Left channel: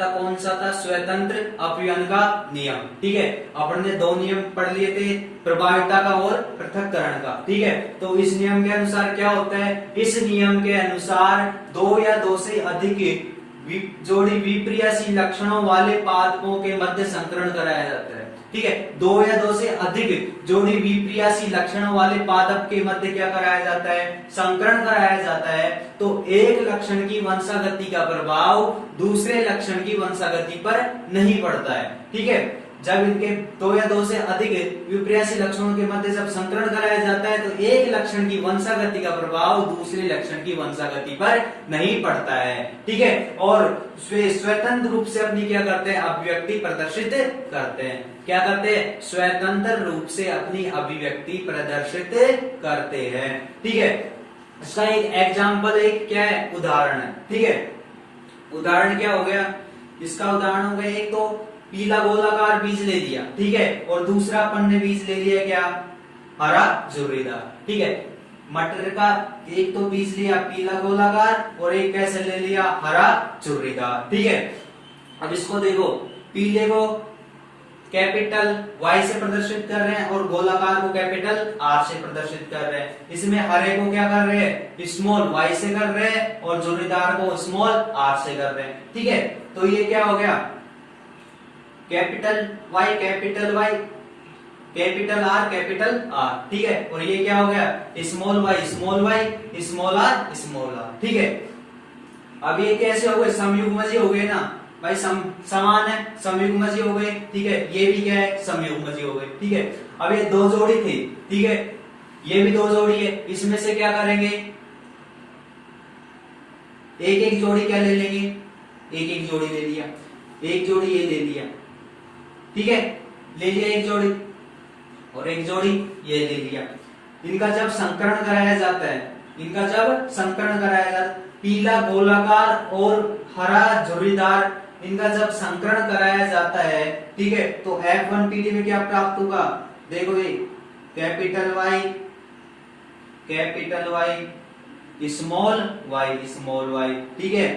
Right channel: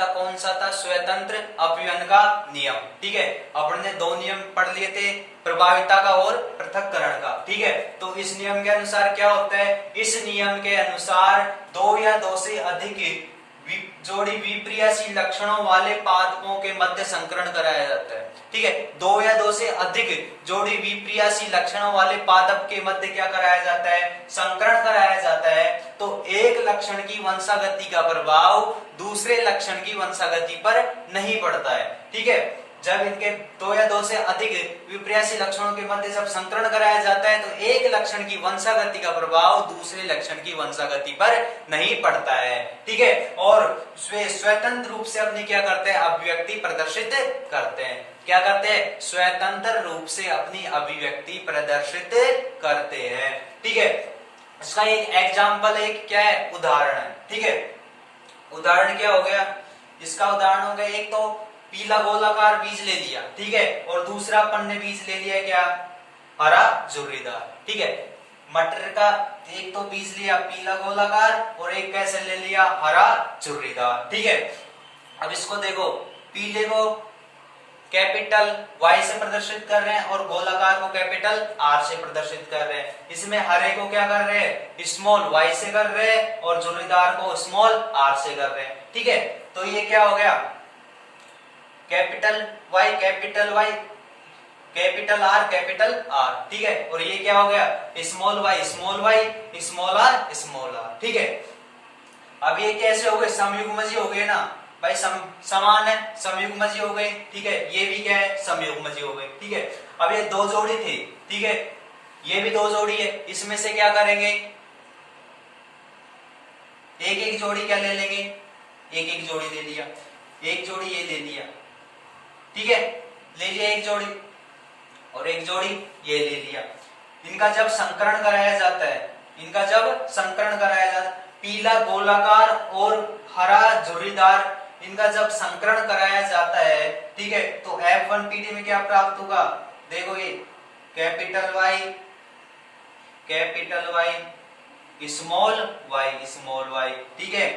था, कौन सा था? स्वतंत्र अपव्यय का नियम। ठीक है, अपन ने दो नियम पढ़ लिए थे, प्रभाविता का और पृथक्करण का। ठीक है, तो इस नियम के अनुसार क्या होता है? इस नियम के अनुसार दो या दो से अधिक जोड़ी विप्रियाशील लक्षणों वाले पादपों के मध्य संकरण कराया जाता है। ठीक है, दो या दो से अधिक जोड़ी विप्रियाशील लक्षणों वाले पादप के मध्य क्या कराया जाता है? संकरण कराया जाता है। तो एक लक्षण की वंशागति का प्रभाव दूसरे लक्षण की वंशागति पर नहीं पड़ता है। ठीक है, जब इनके दो या दो से अधिक विप्रियाशील लक्षणों के मध्य जब संकरण कराया जाता है तो एक लक्षण की वंशागति का प्रभाव दूसरे लक्षण की वंशागति पर नहीं पड़ता है। ठीक है, और स्वतंत्र रूप से अपनी क्या करते हैं? अभिव्यक्ति प्रदर्शित करते हैं। क्या करते हैं? स्वतंत्र रूप से अपनी अभिव्यक्ति प्रदर्शित करते हैं। ठीक है, इसका एक एग्जाम्पल, एक क्या है? उदाहरण है। ठीक है, उदाहरण क्या हो गया? इसका उदाहरण हो गया, एक तो पीला गोलाकार बीज ले लिया। ठीक है, और दूसरा अपन ने बीज ले लिया क्या? हरा झुर्रीदार। ठीक है, मटर का एक तो बीज लिया पीला गोलाकार और एक कैसे ले लिया? हरा झुर्रीदार। ठीक है, अब इसको देखो, पीले को कैपिटल Y से प्रदर्शित कर रहे हैं और गोलाकार को कैपिटल R से प्रदर्शित कर रहे हैं। इसमें हरे को क्या कर रहे हैं? स्मॉल y से कर रहे हैं और झुर्रीदार को स्मॉल r से कर रहे हैं। ठीक है, तो ये क्या हो गया? Capital Y capital Y capital R capital R। ठीक है, और ये क्या हो गया? Small y small y small r small r। ठीक है, अब ये कैसे हो गए? समयुग्मजी हो गए ना भाई, समान है, समयुग्मजी हो गए। ठीक है, ये भी क्या है? समयुग्मजी हो गए। ठीक है, अब ये दो जोड़ी थी। ठीक है, ये भी दो जोड़ी है, इसमें से क्या करेंगे? एक एक जोड़ी क्या ले लेंगे? एक एक जोड़ी ले लिया, एक जोड़ी ये ले लिया। ठीक है, ले लिया एक जोड़ी और एक जोड़ी ये ले लिया। इनका जब संकरण कराया जाता है, इनका जब संकरण कराया जाता है, पीला गोलाकार और हरा झुर्रीदार, इनका जब संकरण कराया जाता है, ठीक है, तो F1PD में क्या प्राप्त होगा? देखो, ये कैपिटल Y स्मॉल y। ठीक है,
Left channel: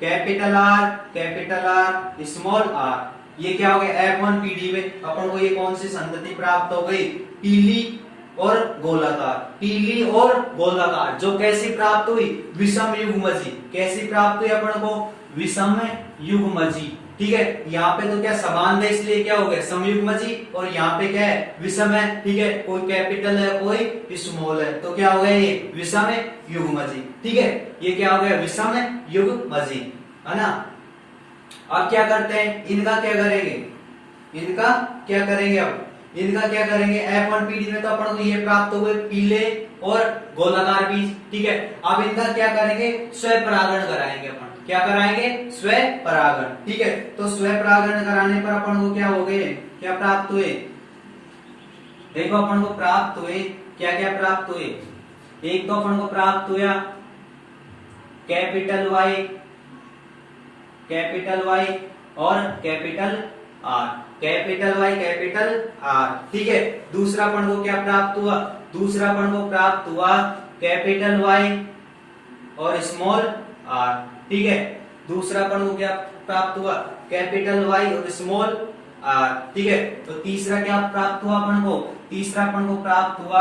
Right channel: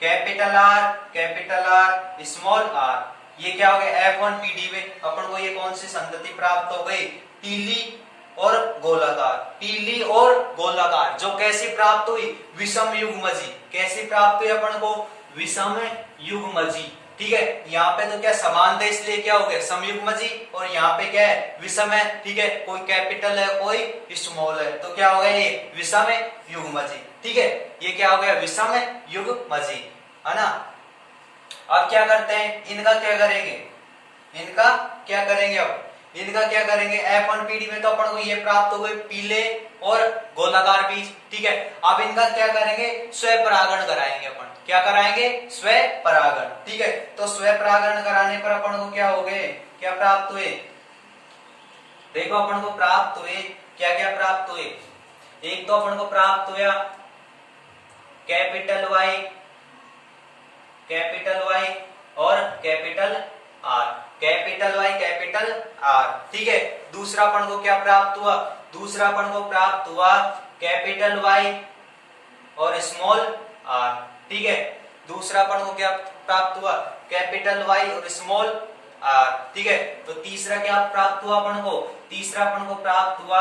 कैपिटल R स्मॉल r। ये क्या हो गया? F1PD में अपन को ये कौन सी संगति प्राप्त हो गई? पीली और गोलाकार। पीली और गोलाकार जो कैसी प्राप्त हुई? विषम युग्मजी। कैसी प्राप्त हुई अपन को? विषम युग्मजी। ठीक है, यहाँ पे तो क्या समान है, इसलिए क्या हो गया? समयुग्मजी, और यहाँ पे क्या है? विषम है। ठीक है, कोई कैपिटल है कोई स्मॉल है, तो क्या हो गया? ये विषम युग्मजी। ठीक है, ये क्या हो गया? विषम युग्मजी, है ना। अब क्या करते हैं? इनका क्या करेंगे? इनका क्या करेंगे? अब इनका क्या करेंगे? F1PD में तो अपन को ये प्राप्त हो गए पीले और गोलाकार बीज। ठीक है, अब इनका क्या करेंगे? स्वपरागण कराएंगे अपन। क्या कराएंगे? स्वपरागण। ठीक है, तो स्वपरागण कराने पर अपन को क्या हो गए? क्या प्राप्त हुए? देखो, अपन को प्राप्त हुए क्या क्या प्राप्त हुए? एक तो अपन को प्राप्त हुआ कैपिटल Y और capital R। Capital Y capital R। ठीक है, दूसरा अपन को क्या प्राप्त हुआ? दूसरा अपन को प्राप्त हुआ कैपिटल Y और स्मॉल r। ठीक है, दूसरा अपन को क्या प्राप्त हुआ? कैपिटल Y और स्मॉल r। ठीक है, तो तीसरा क्या प्राप्त हुआ अपन को? तीसरा अपन को प्राप्त हुआ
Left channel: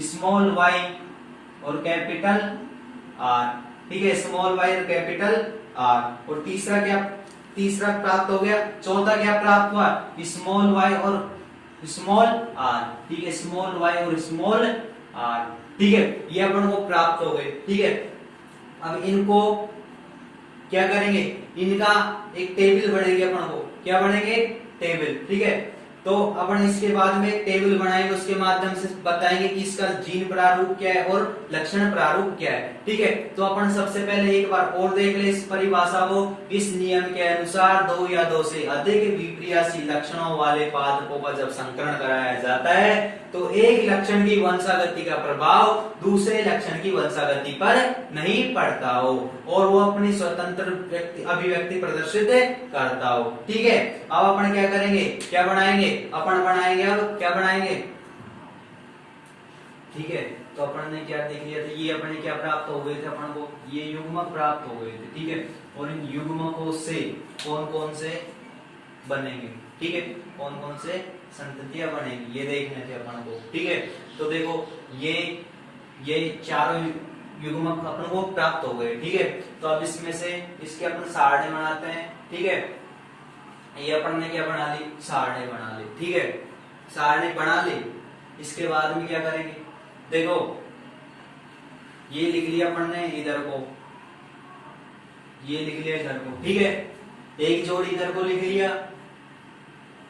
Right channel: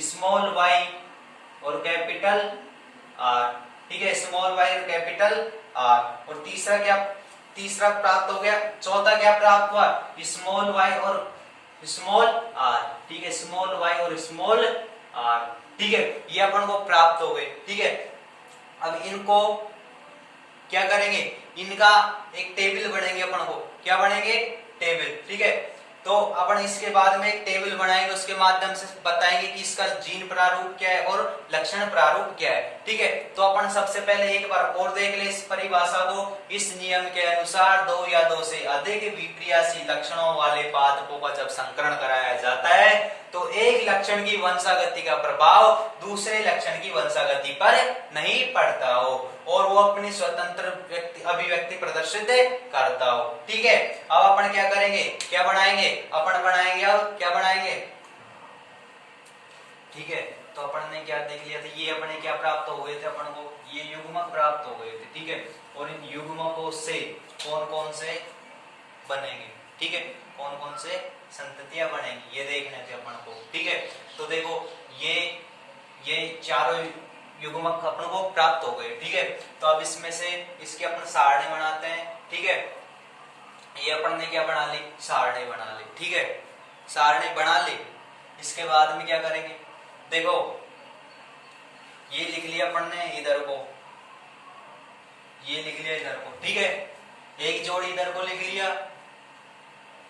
स्मॉल y और कैपिटल R। ठीक है, स्मॉल y और कैपिटल R। और तीसरा प्राप्त हो गया। चौथा क्या प्राप्त हुआ? स्मॉल y और स्मॉल r। ठीक है, स्मॉल y और स्मॉल r। ठीक है, ये अपन को प्राप्त हो गए। ठीक है, अब इनको क्या करेंगे? इनका एक टेबल बनेंगे अपन को। क्या बनेंगे? टेबल। ठीक है, तो अपन इसके बाद में एक टेबल बनाएंगे, उसके माध्यम से बताएंगे कि इसका जीन प्रारूप क्या है और लक्षण प्रारूप क्या है। ठीक है, तो अपन सबसे पहले एक बार और देख ले इस परिभाषा को। इस नियम के अनुसार दो या दो से अधिक विप्रियाशील लक्षणों वाले पादपों का जब संकरण कराया जाता है तो एक लक्षण की वंशागति का प्रभाव दूसरे लक्षण की वंशागति पर नहीं पड़ता हो और वो अपनी स्वतंत्र अभिव्यक्ति प्रदर्शित करता हो। ठीक है, अब अपन क्या करेंगे? क्या बनाएंगे? अपन बनाएंगे, अब क्या बनाएंगे? ठीक है, तो अपन ने क्या देख लिया था? ये अपने क्या प्राप्त हो गए थे? अपन को ये युग्मक प्राप्त हो गए थे। ठीक है, और इन युग्मकों से कौन कौन से बनेंगे, ठीक है, कौन कौन से संततियां बनेंगी ये देखने थे अपन को, ठीक है। तो देखो ये चारों युग्मक अपन को प्राप्त हो गए, ठीक है। तो अब इसमें से इसके अपन सारणी बनाते हैं, ठीक है। ये अपन ने क्या बना ली, सारणी बना ली, ठीक है। सारणी बना ली, इसके बाद में क्या करेंगे, देखो ये लिख लिया अपन ने इधर को, ये लिख लिया इधर को, ठीक है। एक जोड़ी इधर को लिख लिया,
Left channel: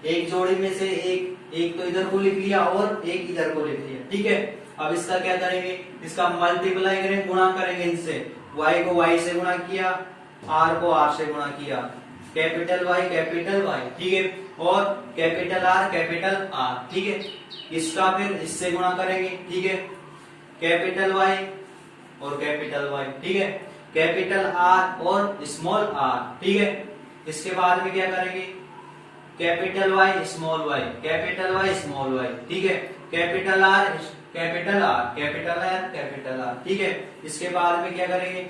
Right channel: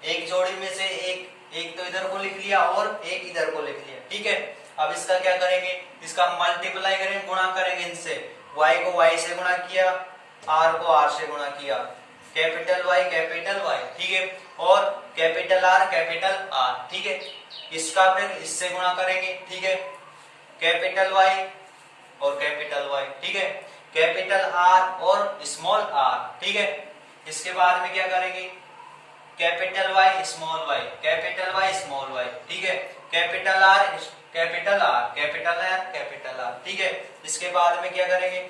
एक जोड़ी में से एक तो इधर को लिख लिया और एक इधर को लिख लिया, ठीक है। अब इसका क्या करेंगे, इसका मल्टीप्लाई करेंगे, गुणा करेंगे इनसे, y को y से गुणा किया, r को r से गुणा किया, कैपिटल Y, ठीक है, और कैपिटल R, ठीक है। इसका फिर इससे गुणा करेंगे, ठीक है, कैपिटल Y और कैपिटल Y, ठीक है, कैपिटल R और स्मॉल r, ठीक है। इसके बाद में क्या करेंगे, capital Y small y, capital Y small y, ठीक है, कैपिटल R, ठीक है। इसके बाद में क्या करेंगे,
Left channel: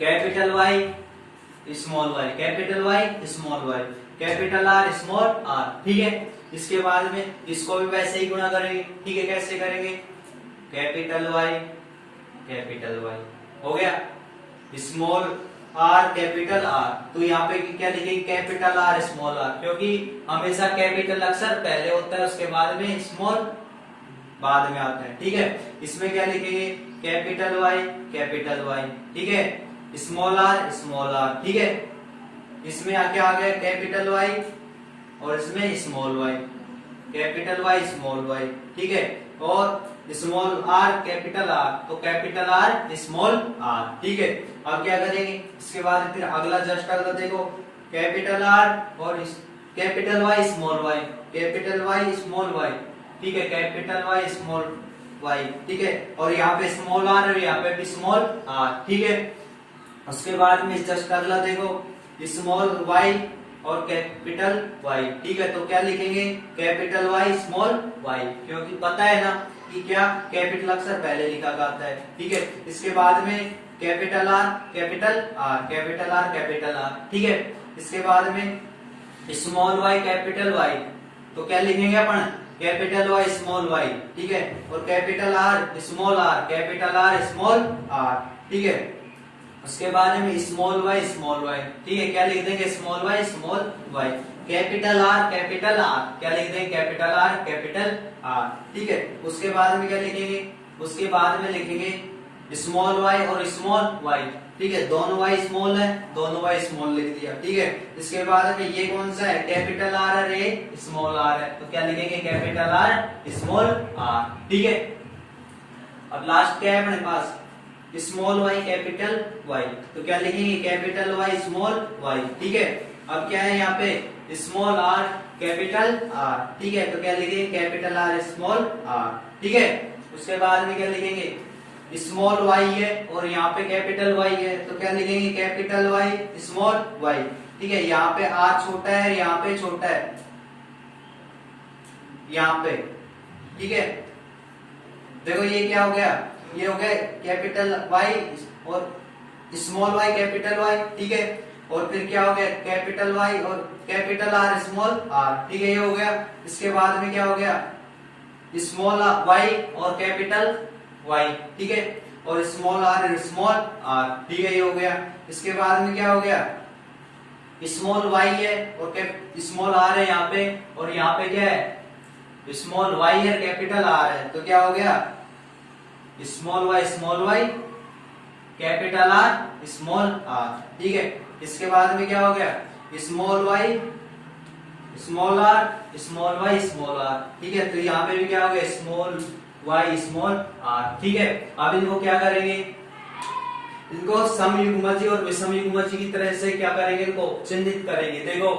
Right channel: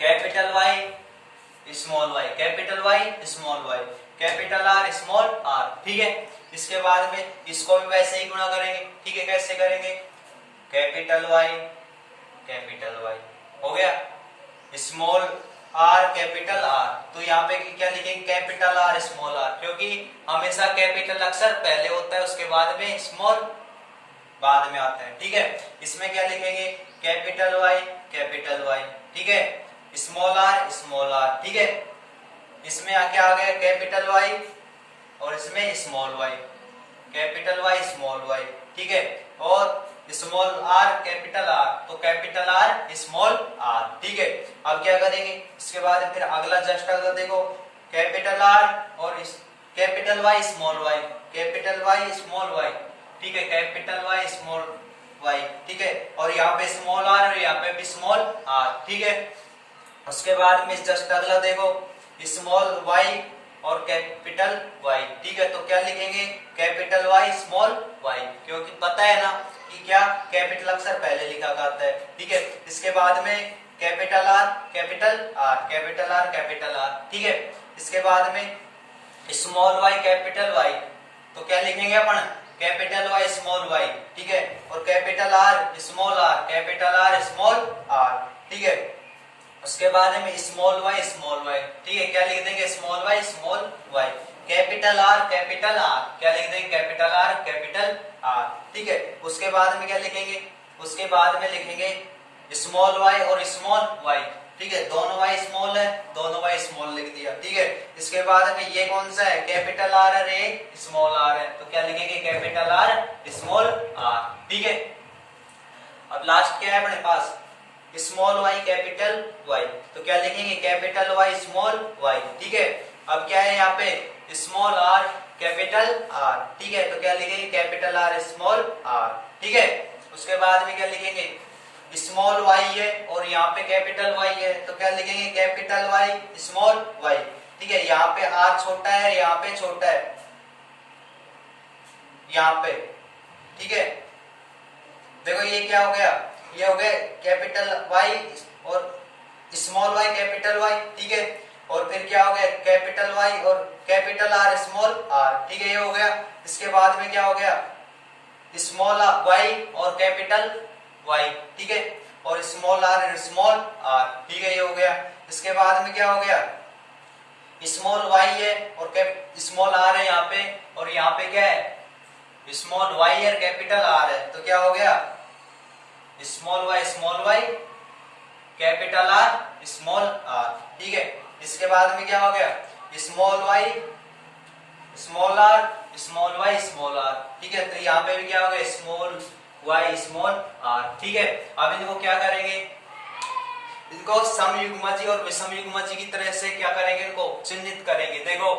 capital Y small y, capital Y small y, capital R small r, ठीक है। इसके बाद में इसको भी वैसे ही गुणा करेंगे, ठीक है। कैसे करेंगे, कैपिटल Y हो गया, स्मॉल r कैपिटल R, तो यहाँ पे क्या लिखेंगे, कैपिटल R स्मॉल r, क्योंकि हमेशा कैपिटल अक्षर पहले होता है, उसके बाद में स्मॉल बाद में आता है, ठीक है। इसमें क्या लिखेंगे, कैपिटल Y, ठीक है, स्मॉल r, ठीक है। इसमें क्या आ गया, कैपिटल Y और इसमें small y, capital Y small y, ठीक है, और स्मॉल r कैपिटल R, तो कैपिटल R स्मॉल r, ठीक है। अब क्या करेंगे, इसके बाद फिर अगला जस्ट अगर देखो, कैपिटल R और capital Y small y, capital Y small y, ठीक है, कैपिटल Y स्मॉल y, ठीक है, और यहाँ पे स्मॉल r और यहाँ पे भी स्मॉल r, ठीक है। उसके बाद में जस्ट अगला देखो, स्मॉल y और कैपिटल Y, ठीक है। तो क्या लिखेंगे, कैपिटल Y स्मॉल y, क्योंकि पता है ना कि क्या कैपिटल अक्षर पहले लिखा जाता है, ठीक है। इसके बाद में कैपिटल R, कैपिटल R, ठीक है। इसके बाद में स्मॉल y कैपिटल Y, तो क्या लिखेंगे अपन, कैपिटल Y स्मॉल y, ठीक है, और capital R small r, capital R small r, ठीक है। उसके बाद में स्मॉल y, ठीक है, क्या लिख देंगे, small y small y, capital R, क्या लिख देंगे, कैपिटल R, ठीक है। उसके बाद में क्या लिखेंगे, उसके बाद में लिखेंगे स्मॉल y और स्मॉल y, ठीक है, दोनों y स्मॉल है, दोनों y स्मॉल लिख दिया, ठीक है। इसके बाद में ये कौन सा है, कैपिटल R और ये स्मॉल r है, तो क्या लिखेंगे, कैपिटल R स्मॉल r, ठीक है। अब लास्ट क्या है अपने पास, स्मॉल y कैपिटल Y, तो क्या लिखेंगे, कैपिटल Y स्मॉल y, ठीक है। अब क्या है यहाँ पे, स्मॉल r कैपिटल R, ठीक है, तो क्या लिखेंगे, कैपिटल R स्मॉल r, ठीक है। उसके बाद में क्या लिखेंगे, स्मॉल y है और यहाँ पे कैपिटल Y है, तो क्या लिखेंगे, कैपिटल Y स्मॉल y, ठीक है। यहाँ पे r छोटा है, यहाँ पे छोटा है, यहाँ पे, ठीक है। देखो ये क्या हो गया, ये हो गया कैपिटल Y और स्मॉल y कैपिटल Y, ठीक है, और फिर क्या हो गया, कैपिटल Y और कैपिटल R स्मॉल r, ठीक है, ये हो गया। इसके बाद में क्या हो गया, स्मॉल y और कैपिटल Y, ठीक है, और स्मॉल r स्मॉल r, ठीक है, ये हो गया। इसके बाद में क्या हो गया, स्मॉल y है और स्मॉल r है यहाँ पे, और यहाँ पे क्या है, स्मॉल y और कैपिटल R है, तो क्या हो गया, small y capital R small r, ठीक है। इसके बाद में क्या हो गया, small y small r small y small r, ठीक है। तो यहाँ पे भी क्या हो गया, स्मॉल y स्मॉल r, ठीक है। अब इनको क्या करेंगे, इनको समयुग्मजी और विषमयुग्मजी की तरह से क्या करेंगे, इनको चिन्हित करेंगे। देखो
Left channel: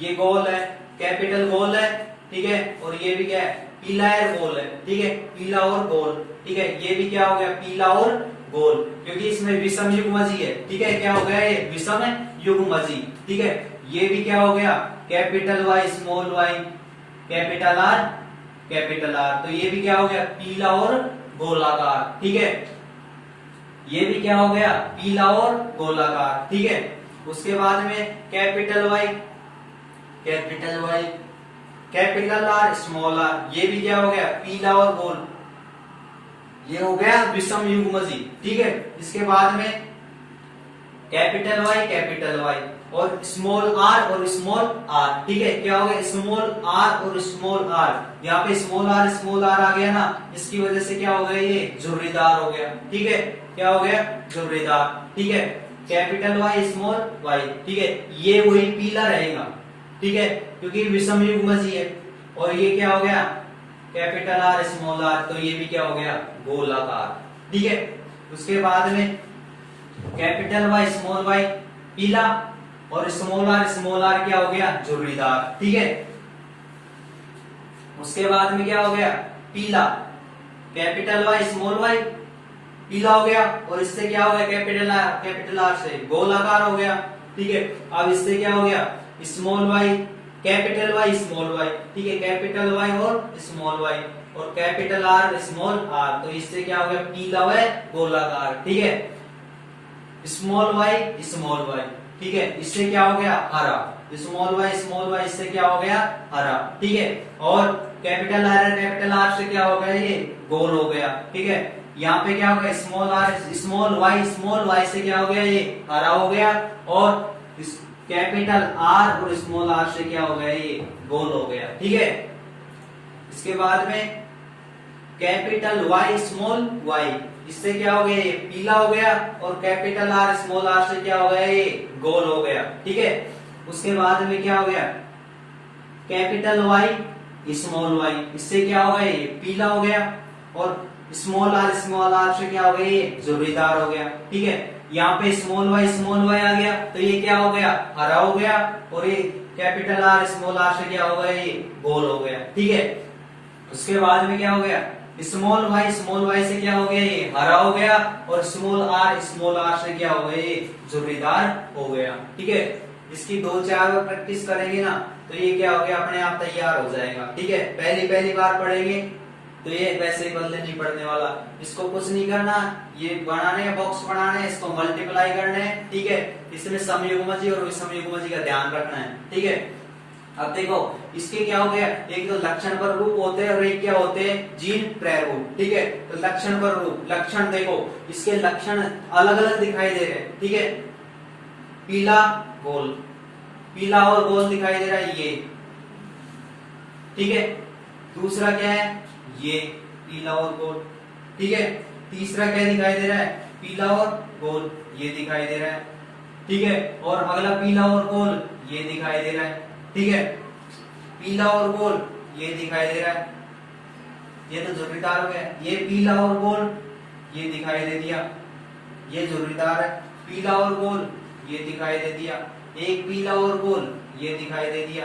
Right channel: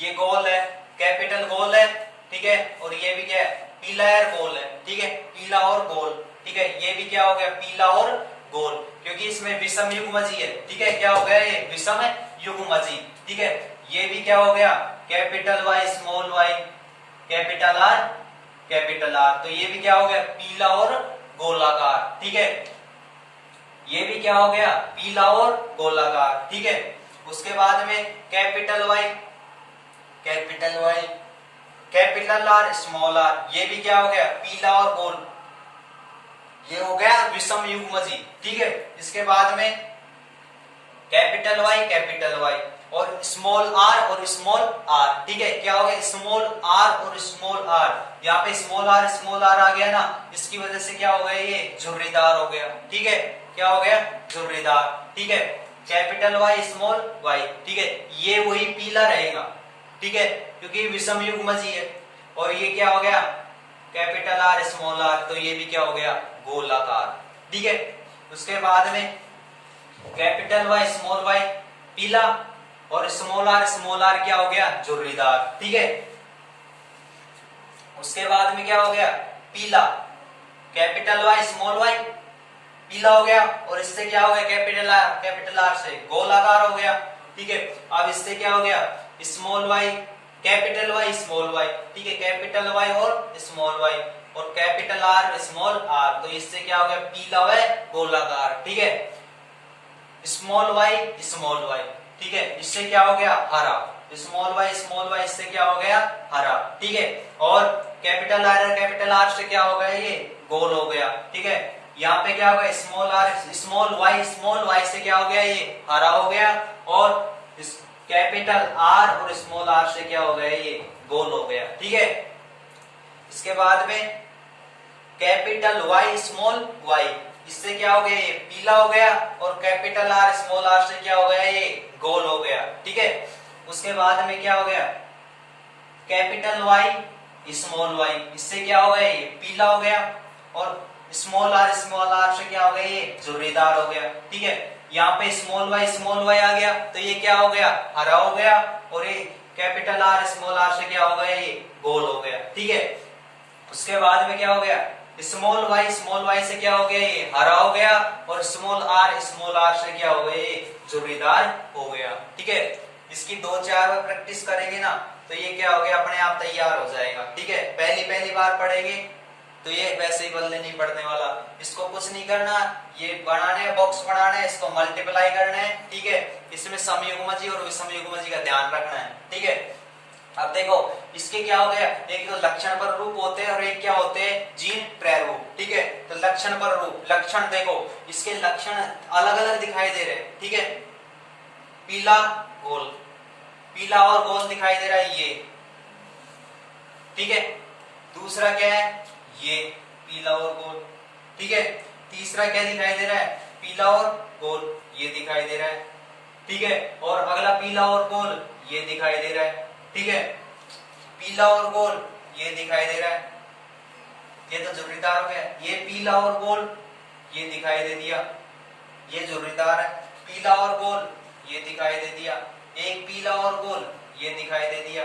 ये गोल है, कैपिटल गोल है, ठीक है, और ये भी क्या है, पीला है गोल है, ठीक है, पीला और गोल, ठीक है। ये भी क्या हो गया, पीला और गोल, क्योंकि इसमें विषम युग्मजी है, ठीक है, क्या हो गया, ये विषम युग्मजी, ठीक है। ये भी क्या हो गया, capital Y small y, capital R, तो ये भी क्या हो गया, पीला और गोलाकार, ठीक है। ये भी क्या हो गया, पीला और गोलाकार, ठीक है। उसके बाद में capital Y, capital Y, capital R, small R, ये भी क्या हो गया, पीला और गोल, ये हो गया विषम युग्मजी, ठीक है। इसके बाद में कैपिटल वाई और स्मॉल आर और स्मॉल आर, ठीक है। क्या हो गया, स्मॉल आर और स्मॉल आर, यहाँ पे स्मॉल आर आ गया ना, इसकी वजह से क्या हो गया, ये झुर्रीदार हो गया, ठीक है। क्या हो गया, झुर्रीदार, ठीक है। कैपिटल वाई स्मॉल वाई, ठीक है, ये वही पीला रहेगा, ठीक है, क्योंकि विषम युग्मजी है। और ये क्या हो गया, कैपिटल आर स्मॉल आर, तो ये भी क्या हो गया, गोलाकार, ठीक है। उसके बाद में कैपिटल वाई स्मॉल वाई पीला और स्मॉल आर क्या हो गया, झुर्रीदार, ठीक है। उसके बाद में क्या हो गया, पीला, कैपिटल वाई स्मॉल वाई पीला हो गया, और इससे क्या हो गया, कैपिटल आर से गोलाकार हो गया, ठीक है। अब इससे क्या हो गया, small Y, capital Y small Y, ठीक है, कैपिटल वाई और स्मॉल वाई और कैपिटल आर स्मॉल आर, तो इससे क्या हो गया, पीला व गोलाकार, ठीक है। स्मॉल वाई, ठीक है, इससे क्या हो गया, हरा, स्मॉल वाई इससे क्या हो गया, हरा, ठीक है। और कैपिटल आर से क्या हो गया, ये गोल हो गया, ठीक है। यहाँ पे क्या हो गया, स्मॉल वाई से क्या हो गया, ये हरा हो गया, और कैपिटल आर और स्मॉल आर से क्या हो गया, ये गोल हो गया, ठीक है। इसके बाद में कैपिटल वाई स्मॉल वाई, इससे क्या हो गया, ये पीला हो गया, और कैपिटल आर स्मॉल आर से क्या हो गया, ये गोल हो गया, ठीक है। उसके बाद में क्या हो गया, कैपिटल वाई स्मॉल वाई, इससे क्या हो गया, ये पीला हो गया, और स्मॉल आर से क्या हो गया, ये झुर्रीदार हो गया, ठीक है। यहाँ पे स्मॉल वाई आ गया, तो ये क्या हो गया, हरा हो गया, और ये कैपिटल आर से क्या हो गया, ये गोल हो गया, ठीक है। उसके बाद में क्या हो गया, स्मॉल वाई से क्या हो गया, ये हरा हो गया, और स्मॉल आर से क्या हो गया, ये झुर्रीदार हो गया, ठीक है। इसकी 2-4 बार प्रैक्टिस करेंगे ना, तो ये क्या हो गया, अपने आप तैयार हो जाएगा, ठीक है। पहली बार पढ़ेंगे तो ये वैसे ही बदले नहीं पड़ने वाला, इसको कुछ नहीं करना, ये बनाने बॉक्स बनाने, इसको मल्टीप्लाई करना है, ठीक है। इसमें समयुग्मजी और विषमयुग्मजी का ध्यान रखना है, ठीक है। अब देखो इसके क्या हो गया, एक तो लक्षण पर रूप होते हैं और एक क्या होते हैं, जीन प्रारूप, ठीक है। तो लक्षण पर रूप, लक्षण देखो इसके लक्षण अलग अलग दिखाई दे रहे हैं, ठीक है। पीला गोल, पीला और गोल दिखाई दे रहा है, ये, ठीक है। दूसरा क्या है, ये पीला और गोल, ठीक है। तीसरा क्या दिखाई दे रहा है, पीला और गोल, ये दिखाई दे रहा है, ठीक है। और अगला पीला और गोल, ये दिखाई दे रहा है, ठीक है। पीला और गोल, ये दिखाई दे रहा है, ये तो झुर्रीदार हो गया। ये पीला और गोल, ये दिखाई दे दिया, ये झुर्रीदार है। पीला और गोल, ये दिखाई दे दिया। एक पीला और गोल, ये दिखाई दे दिया,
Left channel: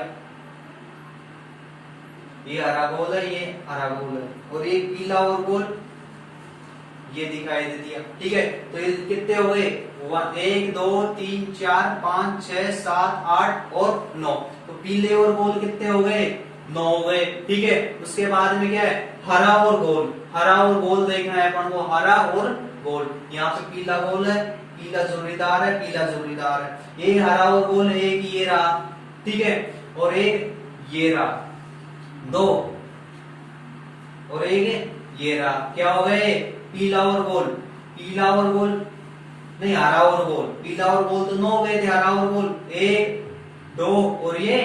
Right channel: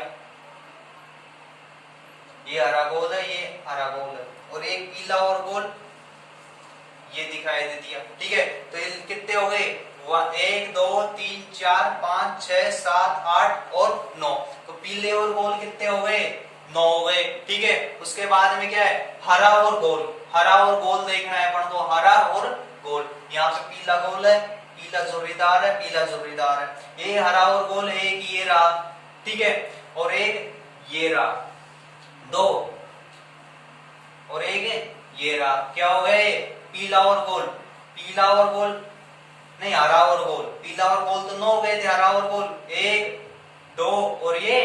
ये हरा गोल है, ये हरा गोल है। और एक पीला और गोल, ये दिखाई दे दिया, ठीक है। तो ये कितने हो गए, 1 2 3 4 5 6 7 8 और 9, तो पीले और गोल कितने हो गए, 9 हो गए, ठीक है। उसके बाद में क्या है, हरा और गोल, हरा और गोल देखना है अपन को, हरा और गोल। यहाँ पे पीला गोल है, पीला झुर्रीदार है, पीला झुर्रीदार है। ये हरा और गोल, एक ये रहा, ठीक है, और एक ये रहा, 2, और एक ये रहा। क्या हो गए, पीला और गोल, पीला और गोल नहीं, हरा और गोल, पीला और गोल तो 9 हो गए थे, हरा और गोल 1 2 और ये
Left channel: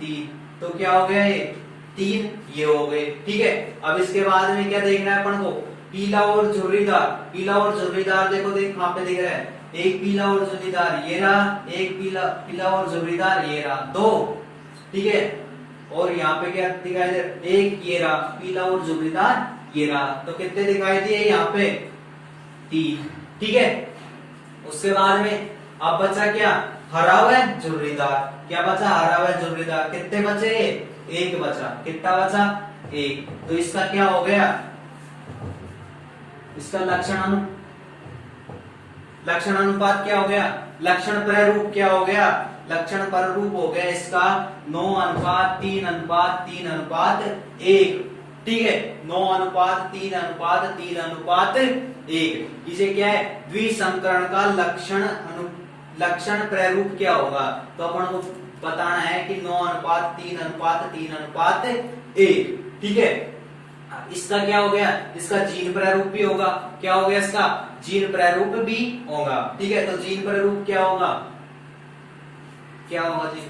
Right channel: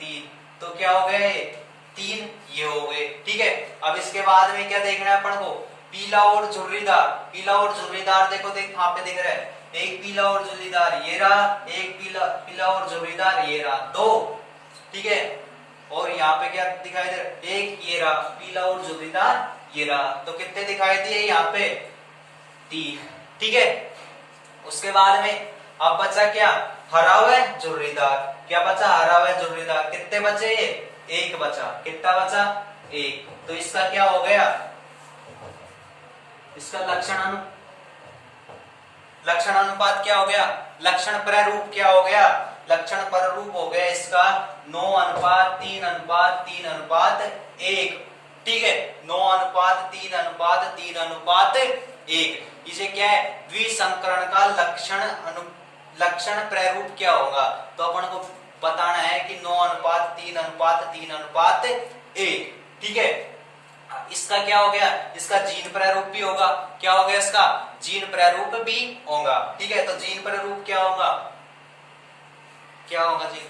3, तो क्या हो गया, ये 3 ये हो गए, ठीक है। अब इसके बाद में क्या देखना है अपन को, पीला और झुर्रीदार, पीला और झुर्रीदार देखो, देख वहां पे दिख रहा है, एक पीला और झुर्रीदार ये रहा, एक पीला और झुर्रीदार ये रहा, 2, ठीक है। और यहाँ पे क्या दिखाई दे रहा, एक ये रहा, पीला और झुर्रीदार ये रहा, तो कितने दिखाई दिए यहाँ पे, 3, ठीक है। उसके बाद में अब बचा क्या, हरा हुआ झुर्रीदार, क्या बचा, हरा हुआ झुर्रीदार, कितने बचे, एक बचा, कितना बचा, 1, तो इसका क्या हो गया, इसका लक्षण अनुपात क्या हो गया, लक्षण प्रारूप क्या हो गया, लक्षण प्रारूप हो गया इसका 9:3:3:1, ठीक है, 9:3:3:1। इसे क्या है, द्विसंकरण का लक्षण प्रारूप क्या होगा, तो अपन को बताना है कि 9:3:3:1। ठीक है, इसका क्या हो गया, इसका जीन प्रारूप भी होगा, क्या हो गया, इसका जीन प्रारूप भी होगा। ठीक है, तो जीन प्रारूप क्या होगा, क्या होगा जीन